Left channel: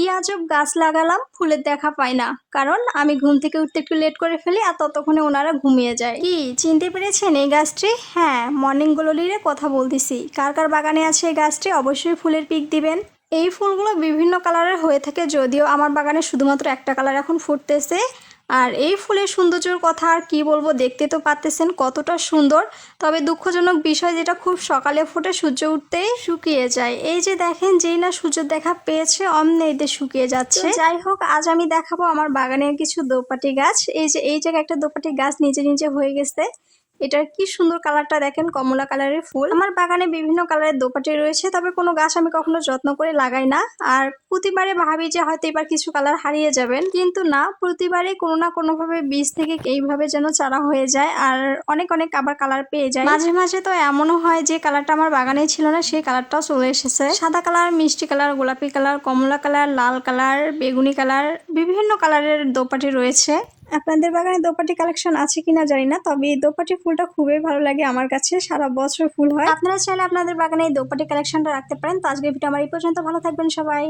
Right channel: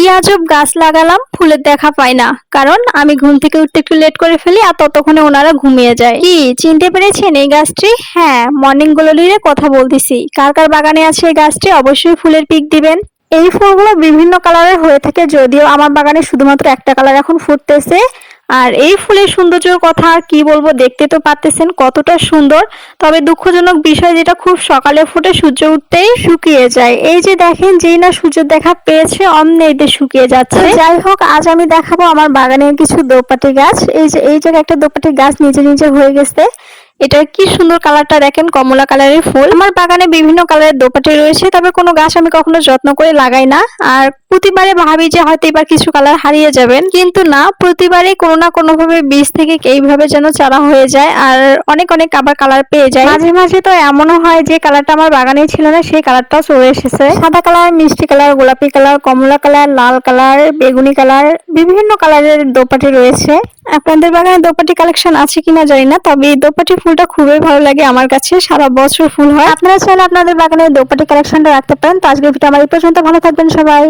কি আজব গাছ লাগালাম, ফুলের দেখা পাই না। কারণ আমি ঘুম থেকে উঠতে একটু লেট করে ফেলি, আর ততক্ষণে ওনারা ঘুমিয়ে যায়। কি চিনতে পেরেছেন এই গাছটি? হ্যাঁ, মর্নিং গ্লোরির কথা বলতেছি। কার কার বাগানে আছে এই গাছটি অবশ্যই ফুলের পিক দিবেন। এই ফুলগুলো বিভিন্ন কালারের হয়ে থাকে, যদিও আমার বাগানে শুধুমাত্র একটা কালার এখন ফুটতেছে। আর এই ফুলের সৌন্দর্যের কথা আর কি বলবো, দেখতে তো পারতেছেন কতটা সুন্দর। তবে দুঃখজনক বিষয় যেটা, খুব সকালে ফুটে সূর্য উঠতেই শুকিয়ে যায়। এই যে দেখেন, যেই না সূর্য দেখা পেয়েছে অমনি এতে শুকিয়ে যাচ্ছে। যাই হোক, আজ আমি দেখাবো আমার বাগানের কিছু দোপাটি গাছ। এই জায়গায় একটা দোপাটি গাছ নিজে নিজে হয়ে গেছে। এটা কি সুন্দর কালারটা দেখেন, কমলা কালারের ফুল। আমার বাগানে বিভিন্ন কালারের দোপাটি রয়েছে, তবে কোনো গাছ আমি কখনো যত্ন করে লাগাই না। আর প্রতিবারে ভাবি যে হয়তো এবার কিছু কালার হারিয়ে যাবেন, কিন্তু না, প্রতিবারে কোনো না কোনো ভাবে বীজ থেকে এইভাবে যেন চারা হয়ে যায়, আর অনেক অনেক আবার কালার পেয়ে যায়। মাঝে মাঝে তো এমনও হয় যে কালারটা আমার বাগানেই ছিল না, সেই কালারটাও চলে এসেছে। সাদা কালার, মিষ্টি কালার, গোলাপি কালার, কমলা কালার, লাল কালার, বেগুনি কালার, বিভিন্ন কালারের দোপাটি রয়েছে। আপনাদের বাগানে দোপাটি কালেকশন আছে কিনা জানি না, তবে এই দোপাটি ফুলটা খুবই ভালো লাগে আমার কাছে, সারা বছর ফুল হয়। আপনারা চাইলে আপনাদের বাগানে দোপাটি কালেকশনটা রাখতে পারেন। তো আজকের ভিডিও আমার এই পর্যন্ত, ভালো থাকবেন সবাই।